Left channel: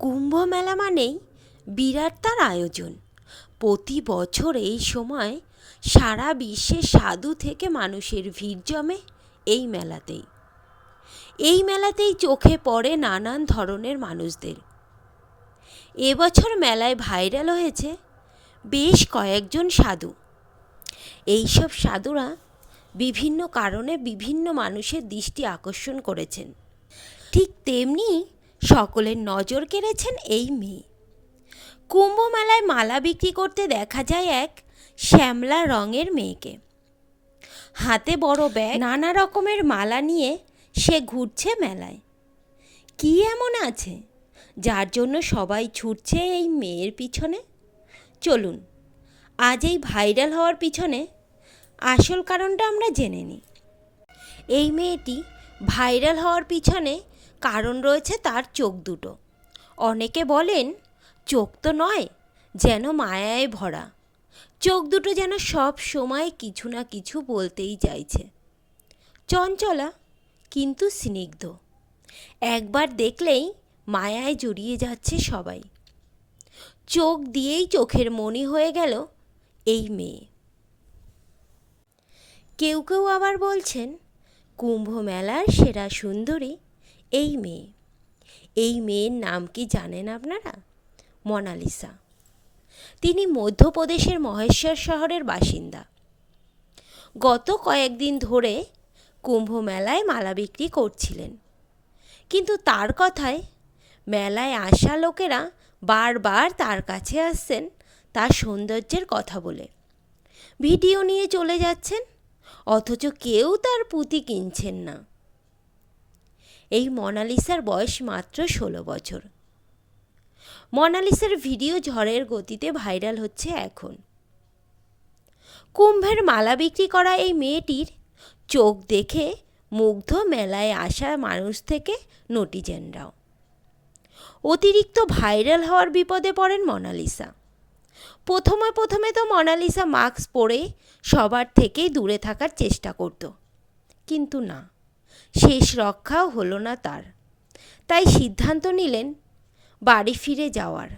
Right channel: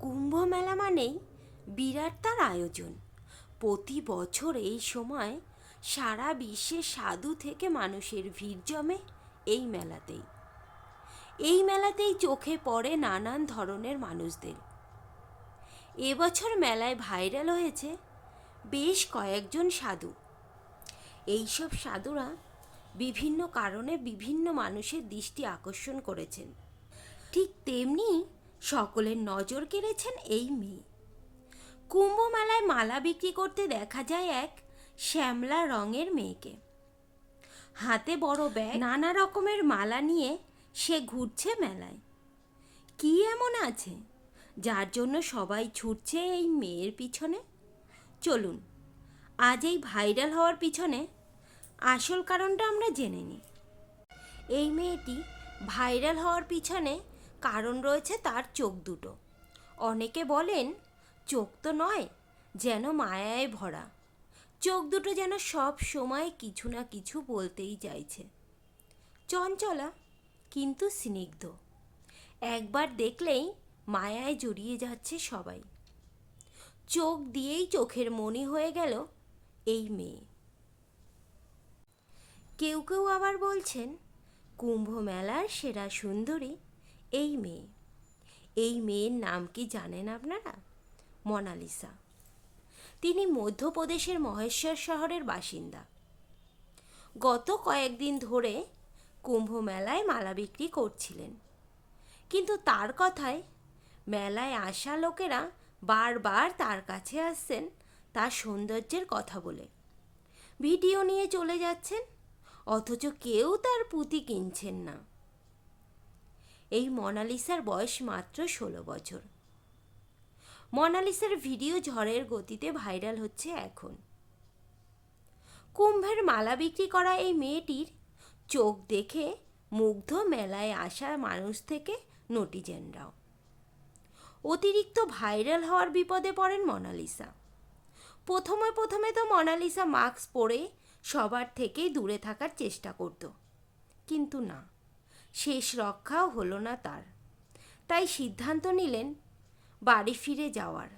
কুম্ভ মেলা মানেই বিরাট তার আয়োজন। প্রতি বছর এই সময় সারা বিশ্বে সাধু থেকে মানুষের ভিড় জমে এই মেলাতেই। এই মেলাতেই চোখে পড়ে নানান ধরনের মানুষদের। এবছর মেলায় ভাইরাল হয়েছে বেশ কয়েকজন সাধু। এইসব সাধুরা বিভিন্ন কারণে বিভিন্ন মানুষের দৃষ্টি আকর্ষণ করেছেন। ঠিক তেমনি সকলের নজর কেড়েছেন এই মেয়ে। কুম্ভ মেলায় মালা বিক্রি করতে দেখা যায় এক শ্যামলা রঙের মেয়েকে। হাতে বড় ব্যাগ, নানা রকমের মালা নিয়ে সে ঘুরছে মেলায়। কি এমন আছে যার জন্য সবাই ছুটছে এই মেয়ের পিছনে? চলুন আজ এই ভাইরাল হওয়ার পিছনে আসল কারণটা আমরা জেনে নিই। এই মেয়েটি ভাইরাল হওয়ার পিছনে কারণ রয়েছে তার চোখ দুটো। অনেকে বলেন চোখ তো নয়, যেন মায়ায় ভরা। চোখ দুটো যেন সব সময় কিছু না কিছু বলতেই চাইছে। চঞ্চলা কিন্তু স্নিগ্ধ। একবার দেখলেই মায়ায় জড়িয়ে যাচ্ছে সবাই। চোখ দিয়েই চোখের মণি হয়ে গেল এই মেয়ে। কেউ কেউ আবার বলছেন কুম্ভ মেলার সেরা সুন্দরী এই মেয়ে। এই মেয়ের নাম কি জানেন আপনারা? মোনালিসা। তিনি মধ্যপ্রদেশের মহেশ্বর শহরের বাসিন্দা। গত কয়েকদিন ধরে কুম্ভ মেলায় মালা বিক্রি করছিলেন, কিন্তু তার কথায় মেলায় আসা লোকেরা বারবার তার কাছে আসছেন তার সৌন্দর্যের কথা বলে। ভিডিও নিয়ে চলে যাচ্ছেন, অথচ কেউ তার পুঁতি কিনছেন না। এই মোনালিসার বয়স মাত্র 16 বছর। মোনালিসার ভিডিও ঝড়ের গতিতে ভাইরাল হচ্ছে এখন। কুম্ভের মালা বিক্রি করা এই মেয়েটির চোখ দেখে মুগ্ধ মেলায় আসা মানুষ থেকে নটিজেনরাও। অতিরিক্ত ভাইরাল হওয়ার বিপদে পড়েন মোনালিসা। প্রথমে তো মোনালিসা মাস্ক পরে সবার থেকেই দূরে থাকার চেষ্টা করত, কিন্তু না, শেষ রক্ষাও হলো না তার। তাই সিদ্ধান্ত নিলেন বাড়ি ফিরে যাওয়ার।